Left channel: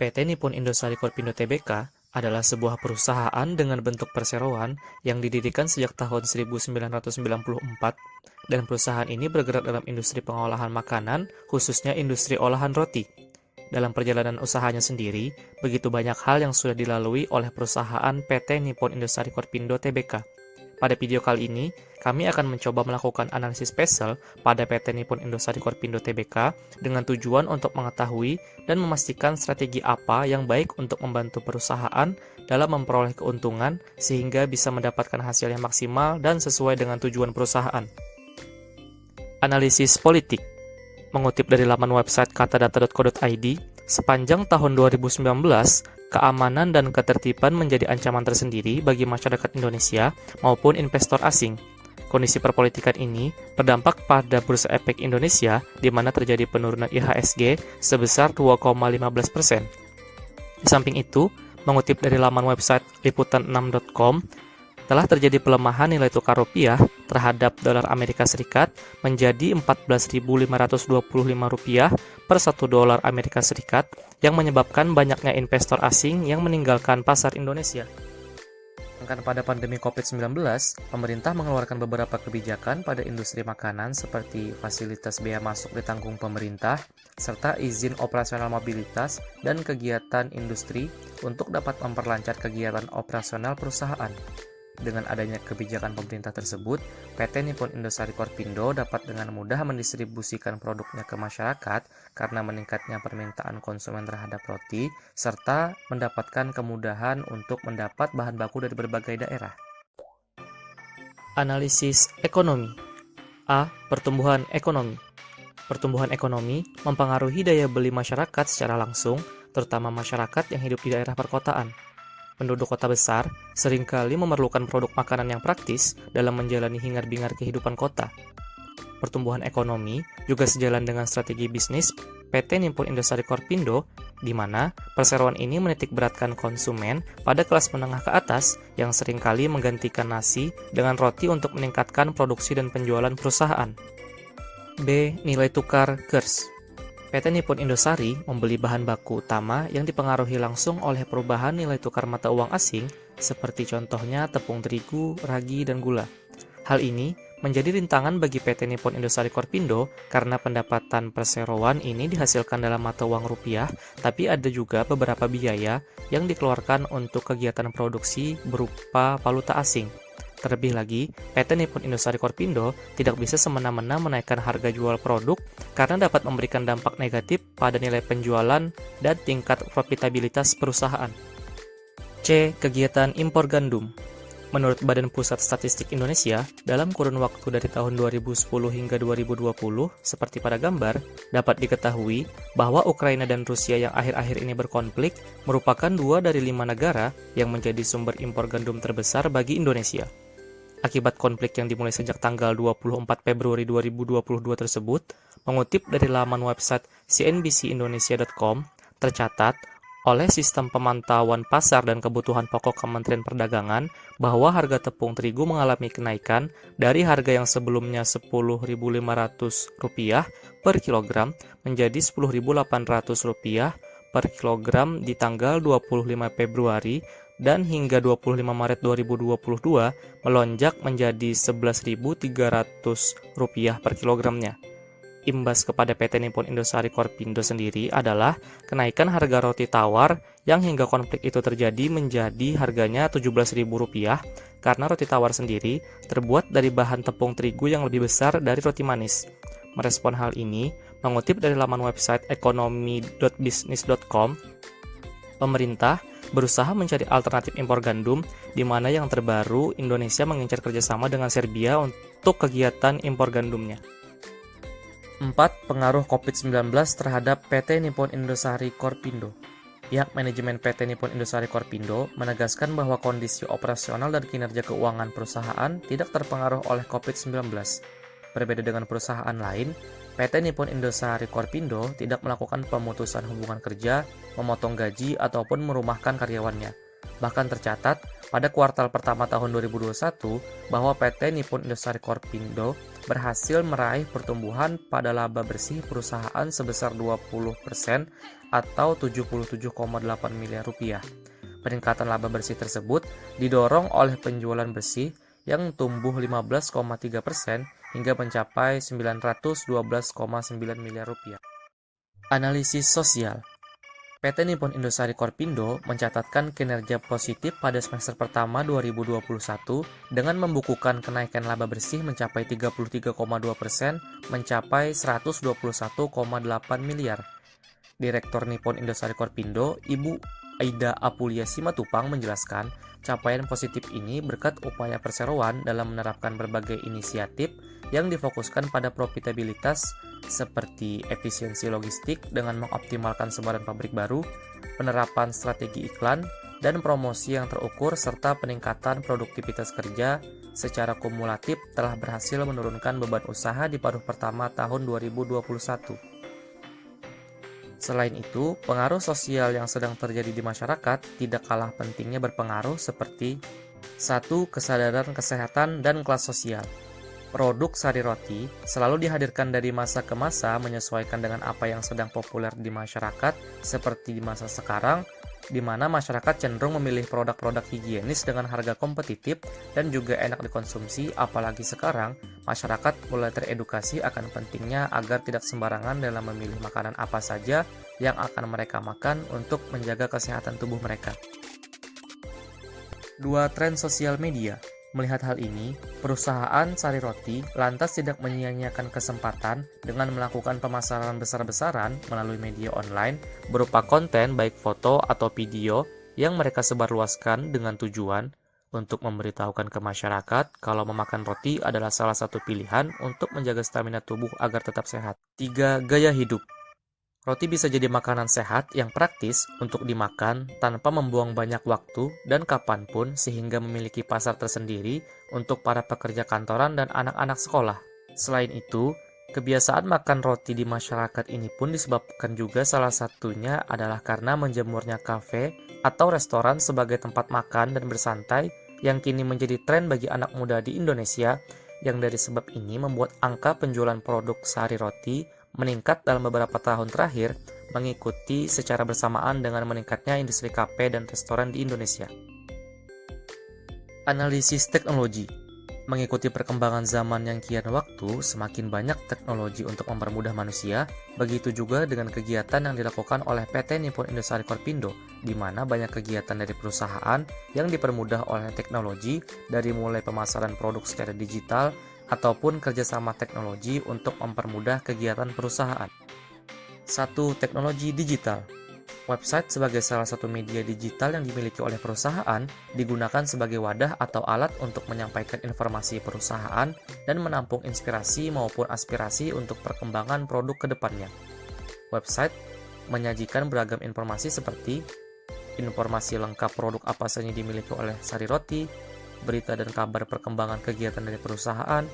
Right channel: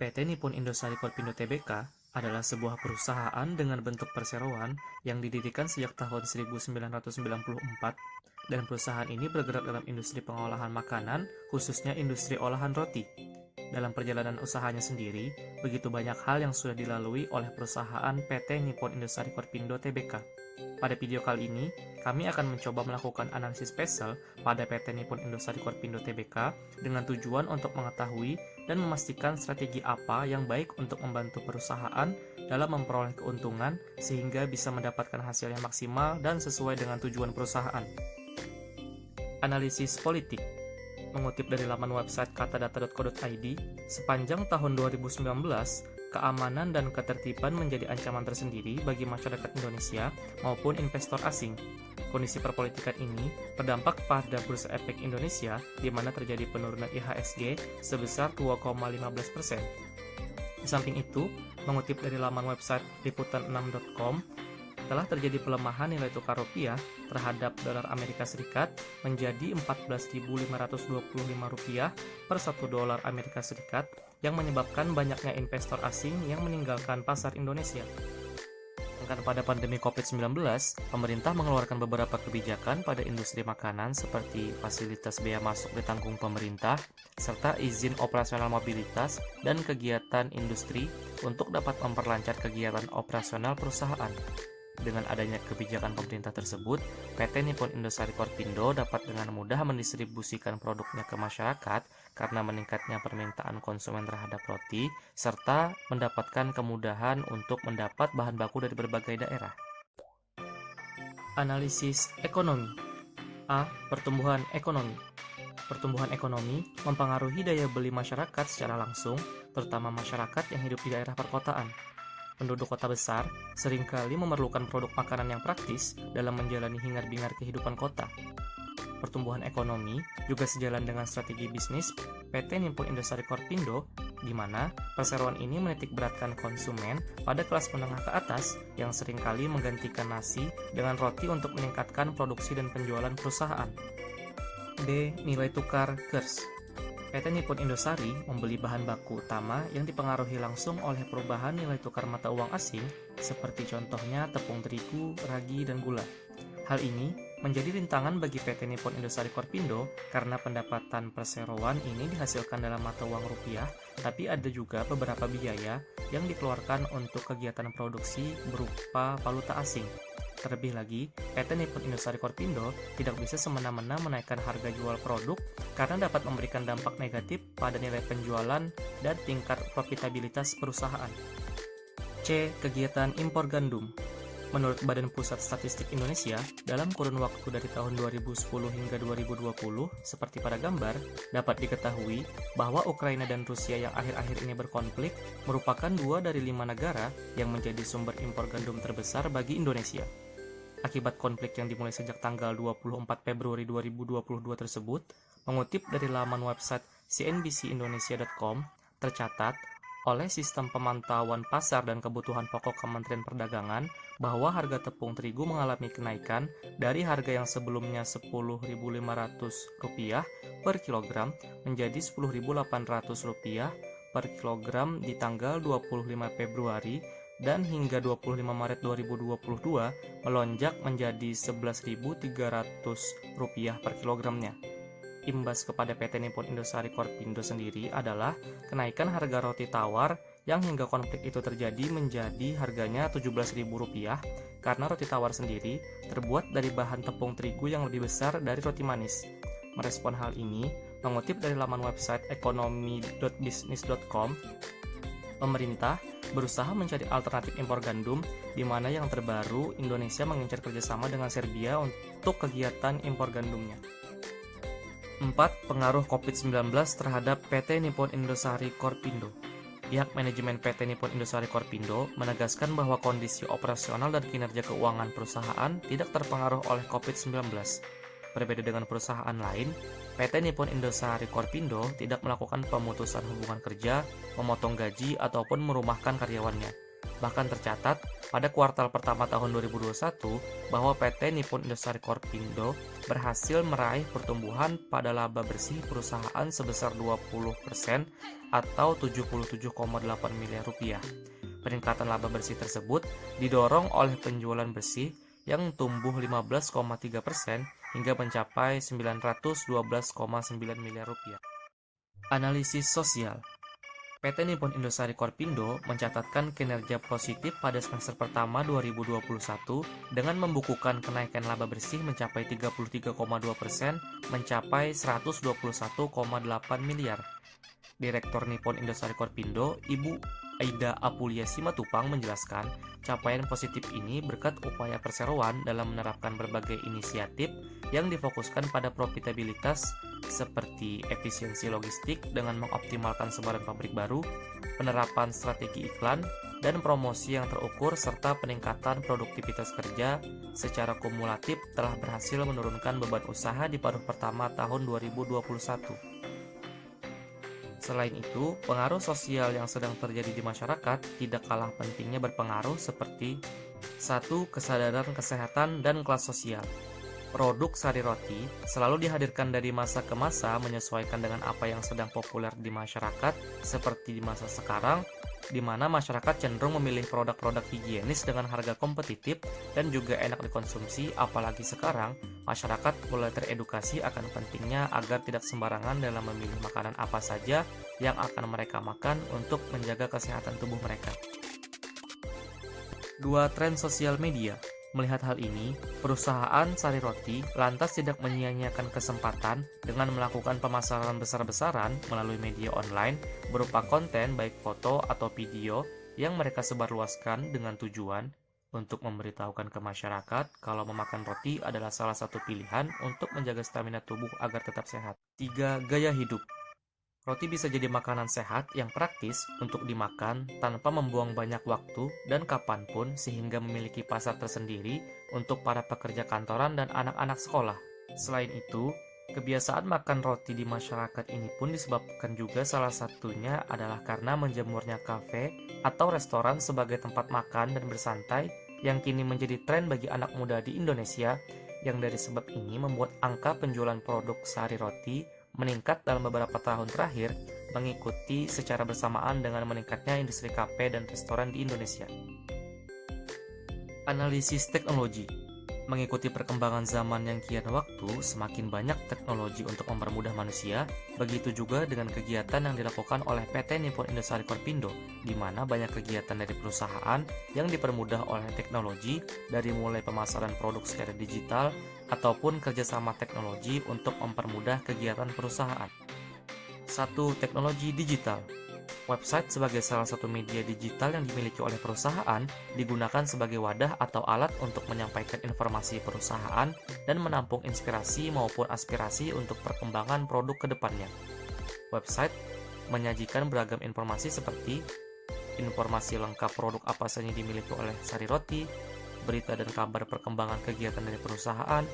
PT Nippon Indosari Korpindo Tbk adalah sebuah perusahaan dengan bentuk perseroan yang didirikan sejak tahun 1994 dan perusahaan ini bergerak dalam industri pengolahan makanan, khususnya industri olahan roti. Dalam perjalanan usahanya sendiri, begitu banyak hal yang sudah dilalui oleh perusahaan PT Nippon Indosari Korpindo Tbk. Pada video kali ini, kami akan mencoba melakukan analisis spesial pada PT Nippon Indosari Korpindo Tbk dengan tujuan untuk mengetahui dan memastikan strategi apa yang baik untuk membantu perusahaan dalam memperoleh keuntungan sehingga bisa mendapatkan hasil yang maksimal dan sesuai dengan tujuan perusahaan. Analisis politik. Mengutip dari laman website katadata.co.id, sepanjang tahun 2019, keamanan dan ketertiban menjadi ancaman tersendiri bagi masyarakat Indonesia maupun investor asing. Kondisi perpolitikan ini berdampak pada Bursa Efek Indonesia, di mana terjadi penurunan IHSG sebesar 2,15%. Di samping itu, mengutip dari laman website liputan6.com, telah terjadi pelemahan nilai tukar rupiah terhadap dolar Amerika Serikat menjadi Rp14.525 per 1 dolar Amerika Serikat yang menyebabkan banyaknya investor asing yang meninggalkan pasar Indonesia. Sedangkan pada pandemi COVID-19, pemerintah mengeluarkan beberapa kebijakan pada industri makanan seperti fasilitas bea masuk ditanggung pemerintah, serta izin operasional mobilitas dan kegiatan industri untuk dapat memperlancar kegiatan operasional perusahaan. Dengan adanya kebijakan pemerintah tersebut, PT Nippon Indosari Korpindo dapat dengan mudah mendistribusikan produknya ke masyarakat karena meningkatnya permintaan konsumen terhadap roti, serta mendapatkan kemudahan untuk mendapat bahan baku dari berbagai daerah. Analisis ekonomi. A. Pertumbuhan ekonomi. Pertumbuhan ekonomi mempengaruhi daya beli masyarakat secara langsung, terutama masyarakat yang hidup di daerah perkotaan. Penduduk kota besar seringkali memerlukan produk makanan yang praktis dalam menjalani hingar-bingar kehidupan kota. Pertumbuhan ekonomi juga sejalan dengan strategi bisnis PT Nippon Indosari Korpindo, di mana perseroan ini menitikberatkan konsumen pada kelas menengah ke atas yang seringkali menggantikan nasi dengan roti untuk meningkatkan produksi dan penjualan perusahaan. B. Nilai tukar kurs. PT Nippon Indosari membeli bahan baku utama yang dipengaruhi langsung oleh perubahan nilai tukar mata uang asing, seperti contohnya tepung terigu, ragi, dan gula. Hal ini menjadi rintangan bagi PT Nippon Indosari Korpindo karena pendapatan perseroan ini dihasilkan dalam mata uang rupiah, tapi ada juga beberapa biaya yang dikeluarkan untuk kegiatan produksi berupa valuta asing. Terlebih lagi, PT Nippon Indosari Korpindo tidak bisa semena-mena menaikkan harga jual produk karena dapat memberikan dampak negatif pada nilai penjualan dan tingkat profitabilitas perusahaan. C. Kegiatan impor gandum. Menurut Badan Pusat Statistik Indonesia, dalam kurun waktu dari tahun 2010 hingga 2020, seperti pada gambar, dapat diketahui bahwa Ukraina dan Rusia yang akhir-akhir ini berkonflik merupakan 2 dari 5 negara yang menjadi sumber impor gandum terbesar bagi Indonesia. Akibat konflik yang dimulai sejak tanggal 24 Februari 2022 tersebut, mengutip dari laman website cnbcindonesia.com, tercatat oleh Sistem Pemantauan Pasar dan Kebutuhan Pokok Kementerian Perdagangan bahwa harga tepung terigu mengalami kenaikan dari harga yang sebelumnya Rp10.500 per kilogram menjadi Rp10.800 per kilogram di tanggal 25 Februari dan hingga 25 Maret 2022 melonjak menjadi Rp11.300 per kilogramnya. Imbas kepada PT Nippon Indosari Korpindo sendiri adalah kenaikan harga roti tawar yang hingga konflik itu terjadi menjadi harganya Rp17.000 karena roti tawar sendiri terbuat dari bahan tepung terigu yang lebih besar dari roti manis. Merespon hal ini, mengutip dari laman website ekonomi.bisnis.com, pemerintah berusaha mencari alternatif impor gandum, di mana yang terbaru Indonesia mengincar kerjasama dengan Serbia untuk kegiatan impor gandumnya. 4. Pengaruh COVID-19 terhadap PT Nippon Indosari Korpindo. Pihak manajemen PT Nippon Indosari Korpindo menegaskan bahwa kondisi operasional dan kinerja keuangan perusahaan tidak terpengaruh oleh COVID-19. Berbeda dengan perusahaan lain, PT Nippon Indosari Korpindo tidak melakukan pemutusan hubungan kerja, memotong gaji, ataupun merumahkan karyawannya. Bahkan tercatat pada kuartal pertama tahun 2021 bahwa PT Nippon Indosari Korpindo berhasil meraih pertumbuhan pada laba bersih perusahaan sebesar 20% atau 77,8 miliar rupiah. Peningkatan laba bersih tersebut didorong oleh penjualan bersih yang tumbuh 15,3% hingga mencapai 912,9 miliar rupiah. Analisis sosial. PT Nippon Indosari Korpindo mencatatkan kinerja positif pada semester pertama 2021 dengan membukukan kenaikan laba bersih mencapai 33,2%, mencapai 121,8 miliar. Direktur Nippon Indosari Korpindo, Ibu Aida Apulia Simatupang menjelaskan, capaian positif ini berkat upaya perseroan dalam menerapkan berbagai inisiatif yang difokuskan pada profitabilitas seperti efisiensi logistik dengan mengoptimalkan sebaran pabrik baru, penerapan strategi iklan, dan promosi yang terukur serta peningkatan produktivitas kerja secara kumulatif telah berhasil menurunkan beban usaha di paruh pertama tahun 2021. Selain itu, pengaruh sosial yang sedang terjadi di masyarakat tidak kalah pentingnya berpengaruh seperti 1. Kesadaran kesehatan dan kelas sosial. Produk sari roti selalu dihadirkan dari masa ke masa menyesuaikan dengan apa yang sedang populer di masyarakat, seperti di masa sekarang, di mana masyarakat cenderung memilih produk-produk higienis dengan harga kompetitif dan juga enak dikonsumsi, apalagi sekarang masyarakat mulai teredukasi akan pentingnya agar tidak sembarangan dalam memilih makanan apa saja yang akan mereka makan untuk menjaga kesehatan tubuh mereka. 2. Tren sosial media. Melihat hal ini, perusahaan sari roti lantas tidak menyia-nyiakan kesempatan dengan melakukan pemasaran besar-besaran melalui media online berupa konten baik foto atau video yang mereka sebarluaskan dengan tujuan untuk memberitahukan ke masyarakat kalau memakan roti adalah salah satu pilihan untuk menjaga stamina tubuh agar tetap sehat. 3. Gaya hidup. Roti bisa jadi makanan sehat yang praktis untuk dimakan tanpa membuang banyak waktu dan kapanpun sehingga memiliki pasar tersendiri untuk para pekerja kantoran dan anak-anak sekolah. Selain itu, kebiasaan makan roti di masyarakat ini pun disebabkan juga salah satunya adalah karena menjamurnya kafe atau restoran sebagai tempat makan dan bersantai yang kini menjadi tren bagi anak muda di Indonesia, yang dari sebab ini membuat angka penjualan produk sari roti meningkat dalam beberapa tahun terakhir, mengikuti secara bersamaan dengan meningkatnya industri kafe dan restoran di Indonesia. Analisis teknologi. Mengikuti perkembangan zaman yang kian waktu, semakin banyak teknologi untuk mempermudah manusia, begitu juga dengan kegiatan yang dilakukan oleh PT Nippon Indosari Korpindo, di mana banyak kegiatan dari perusahaan yang dipermudah oleh teknologi, dari mulai pemasaran produk secara digital, ataupun kerjasama teknologi untuk mempermudah kegiatan perusahaan. 1. Teknologi digital. Website sebagai salah satu media digital yang dimiliki oleh perusahaan digunakan sebagai wadah atau alat untuk menyampaikan informasi perusahaan dan menampung inspirasi maupun aspirasi untuk perkembangan produk ke depannya. Website menyajikan beragam informasi seperti informasi lengkap produk apa saja yang dimiliki oleh sari roti, berita dan kabar perkembangan kegiatan dari perusahaan,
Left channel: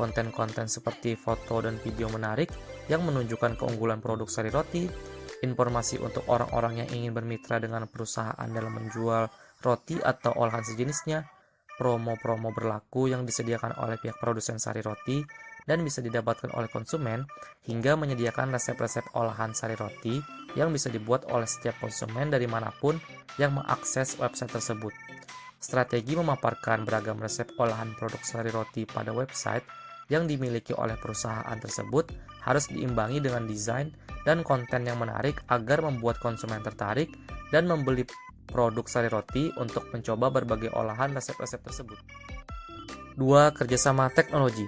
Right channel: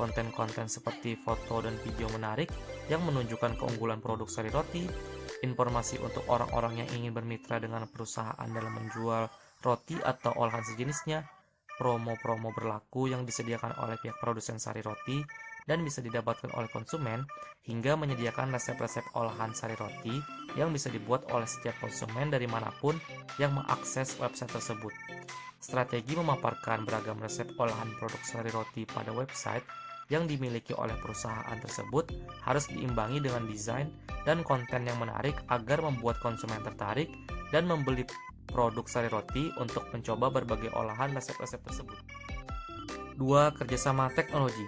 konten-konten seperti foto dan video menarik yang menunjukkan keunggulan produk sari roti, informasi untuk orang-orang yang ingin bermitra dengan perusahaan dalam menjual roti atau olahan sejenisnya, promo-promo berlaku yang disediakan oleh pihak produsen sari roti dan bisa didapatkan oleh konsumen, hingga menyediakan resep-resep olahan sari roti yang bisa dibuat oleh setiap konsumen dari manapun yang mengakses website tersebut. Strategi memaparkan beragam resep olahan produk sari roti pada website yang dimiliki oleh perusahaan tersebut harus diimbangi dengan desain dan konten yang menarik agar membuat konsumen tertarik dan membeli produk sari roti untuk mencoba berbagai olahan resep-resep tersebut. 2. Kerjasama teknologi.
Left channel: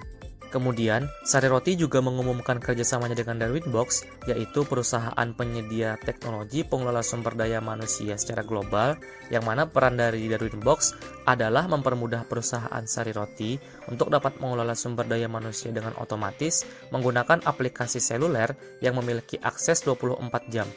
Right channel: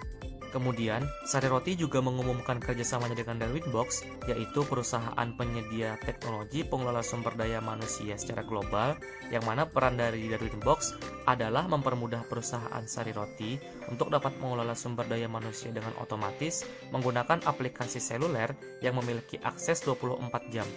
Kemudian, Sari Roti juga mengumumkan kerjasamanya dengan Darwinbox, yaitu perusahaan penyedia teknologi pengelola sumber daya manusia secara global, yang mana peran dari Darwinbox adalah mempermudah perusahaan Sari Roti untuk dapat mengelola sumber daya manusia dengan otomatis menggunakan aplikasi seluler yang memiliki akses 24 jam.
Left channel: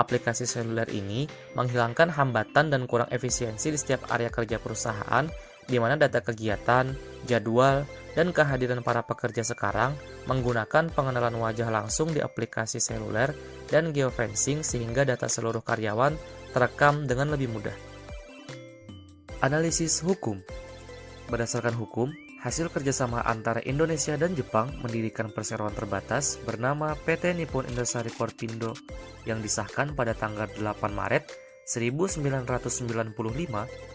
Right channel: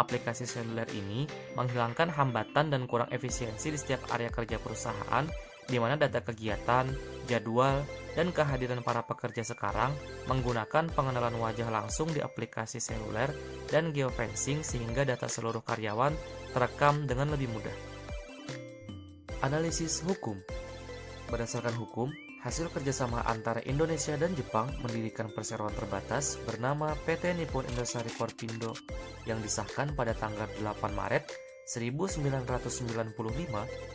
Aplikasi seluler ini menghilangkan hambatan dan kurang efisiensi di setiap area kerja perusahaan, di mana data kegiatan, jadwal, dan kehadiran para pekerja sekarang menggunakan pengenalan wajah langsung di aplikasi seluler dan geofencing sehingga data seluruh karyawan terekam dengan lebih mudah. Analisis hukum. Berdasarkan hukum, hasil kerjasama antara Indonesia dan Jepang mendirikan perseroan terbatas bernama PT Nippon Indosari Korpindo yang disahkan pada tanggal 8 Maret 1995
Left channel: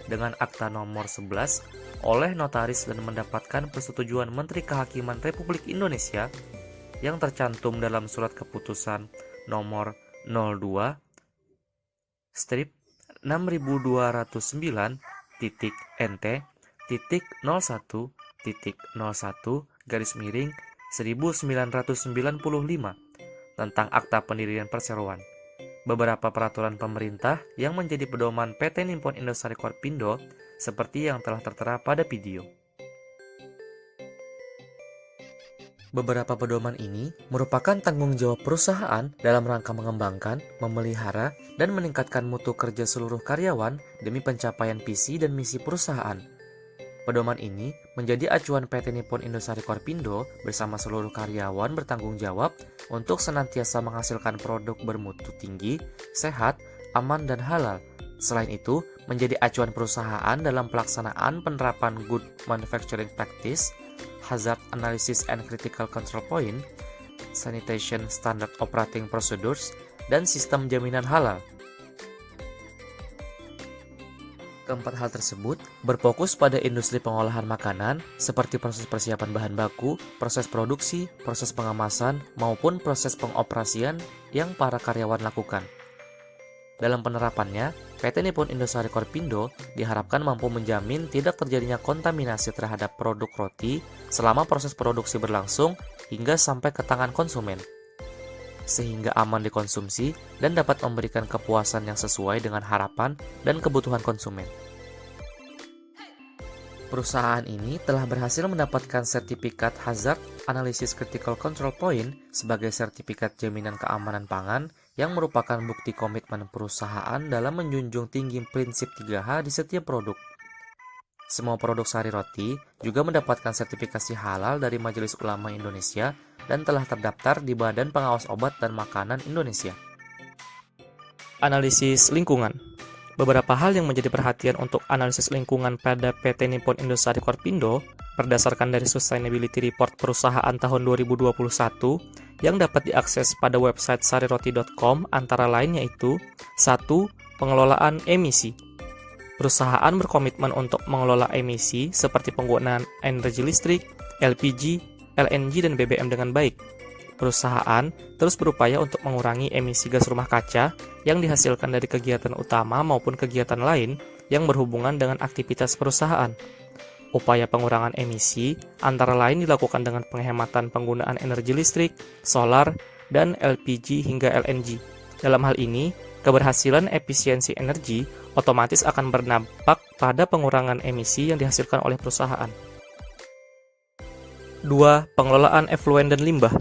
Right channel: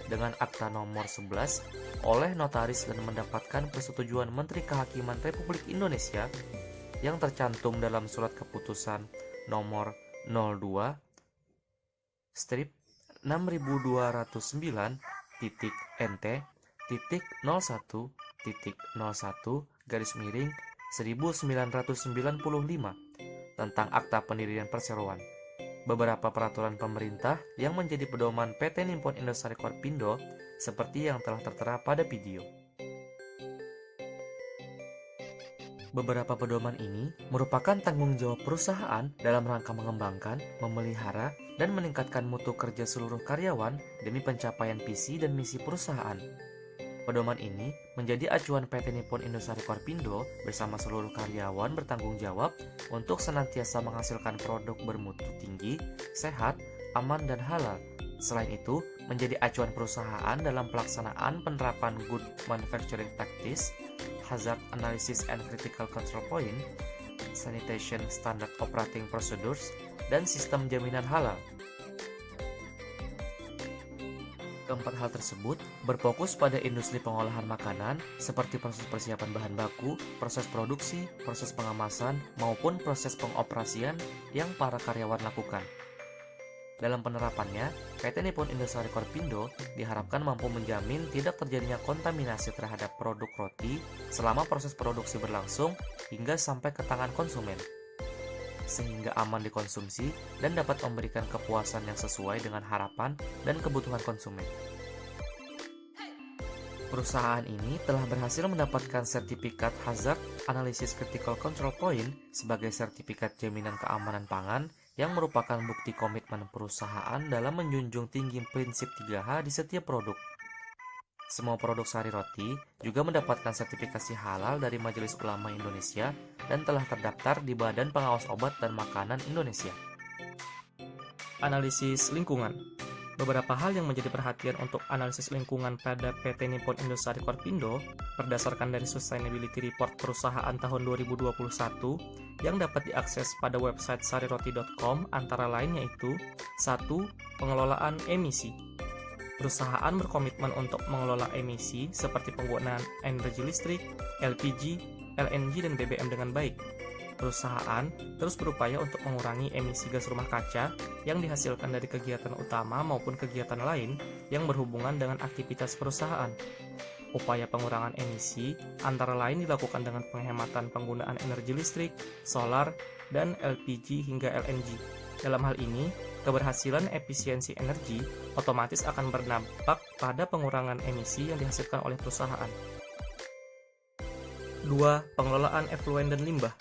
dengan Akta Nomor 11 oleh notaris dan mendapatkan persetujuan Menteri Kehakiman Republik Indonesia yang tercantum dalam Surat Keputusan Nomor 02/Strip 62.NT.01/1995 tentang Akta Pendirian Perseroan. Beberapa peraturan pemerintah yang menjadi pedoman PT Nippon Indosari Korpindo seperti yang telah tertera pada video. Beberapa pedoman ini merupakan tanggung jawab perusahaan dalam rangka mengembangkan, memelihara, dan meningkatkan mutu kerja seluruh karyawan demi pencapaian visi dan misi perusahaan. Pedoman ini menjadi acuan PT Nippon Indosari Korpindo bersama seluruh karyawan bertanggung jawab untuk senantiasa menghasilkan produk bermutu tinggi, sehat, aman, dan halal. Selain itu, menjadi acuan perusahaan dalam pelaksanaan penerapan Good Manufacturing Practice, Hazard Analysis and Critical Control Point, Sanitation Standard Operating Procedures, dan sistem jaminan halal. Keempat hal tersebut berfokus pada industri pengolahan makanan seperti proses persiapan bahan baku, proses produksi, proses pengemasan, maupun proses pengoperasian yang para karyawan lakukan. Dalam penerapannya, PT Nippon Indosari Korpindo diharapkan mampu menjamin tidak terjadinya kontaminasi terhadap produk roti selama proses produksi berlangsung hingga sampai ke tangan konsumen, sehingga aman dikonsumsi dan dapat memberikan kepuasan yang sesuai dengan harapan dan kebutuhan konsumen. Perusahaan ini telah berhasil mendapatkan sertifikat Hazard Analysis Critical Control Point sebagai sertifikat jaminan keamanan pangan yang merupakan bukti komitmen perusahaan dalam menjunjung tinggi prinsip 3H di setiap produk. Semua produk sari roti juga mendapatkan sertifikasi halal dari Majelis Ulama Indonesia dan telah terdaftar di Badan Pengawas Obat dan Makanan Indonesia. Analisis lingkungan. Beberapa hal yang menjadi perhatian untuk analisis lingkungan pada PT Nippon Indosari Korpindo berdasarkan dari Sustainability Report perusahaan tahun 2021 yang dapat diakses pada website sariroti.com antara lain yaitu 1. Pengelolaan emisi. Perusahaan berkomitmen untuk mengelola emisi seperti penggunaan energi listrik, LPG, LNG, dan BBM dengan baik. Perusahaan terus berupaya untuk mengurangi emisi gas rumah kaca yang dihasilkan dari kegiatan utama maupun kegiatan lain yang berhubungan dengan aktivitas perusahaan. Upaya pengurangan emisi antara lain dilakukan dengan penghematan penggunaan energi listrik, solar, dan LPG hingga LNG. Dalam hal ini, keberhasilan efisiensi energi otomatis akan berdampak pada pengurangan emisi yang dihasilkan oleh perusahaan. 2. Pengelolaan efluen dan limbah.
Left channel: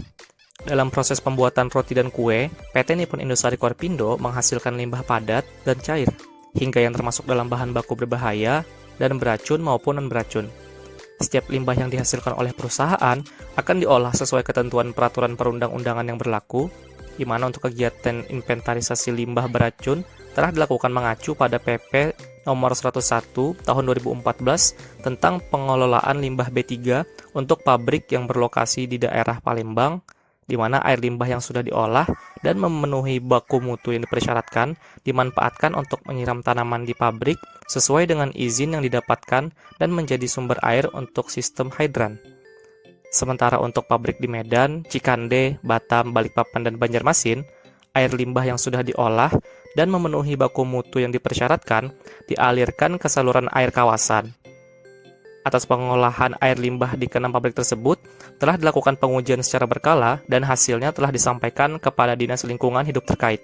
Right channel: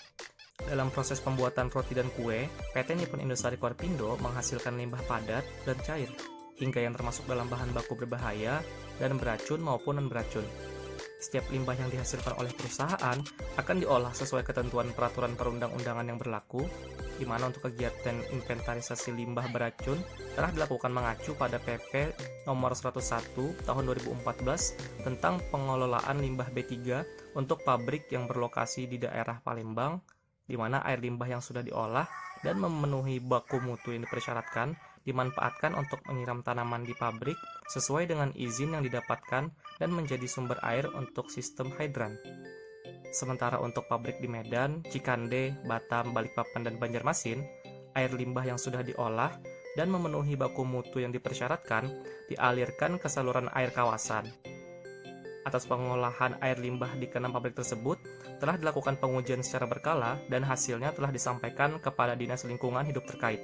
Dalam proses pembuatan roti dan kue, PT Nippon Indosari Korpindo menghasilkan limbah padat dan cair, hingga yang termasuk dalam bahan baku berbahaya dan beracun maupun non-beracun. Setiap limbah yang dihasilkan oleh perusahaan akan diolah sesuai ketentuan peraturan perundang-undangan yang berlaku, di mana untuk kegiatan inventarisasi limbah beracun telah dilakukan mengacu pada PP Nomor 101 Tahun 2014 tentang pengelolaan limbah B3 untuk pabrik yang berlokasi di daerah Palembang, di mana air limbah yang sudah diolah dan memenuhi baku mutu yang dipersyaratkan dimanfaatkan untuk menyiram tanaman di pabrik sesuai dengan izin yang didapatkan dan menjadi sumber air untuk sistem hidran. Sementara untuk pabrik di Medan, Cikande, Batam, Balikpapan, dan Banjarmasin, air limbah yang sudah diolah dan memenuhi baku mutu yang dipersyaratkan dialirkan ke saluran air kawasan. Atas pengolahan air limbah di keenam pabrik tersebut, telah dilakukan pengujian secara berkala dan hasilnya telah disampaikan kepada Dinas Lingkungan Hidup terkait.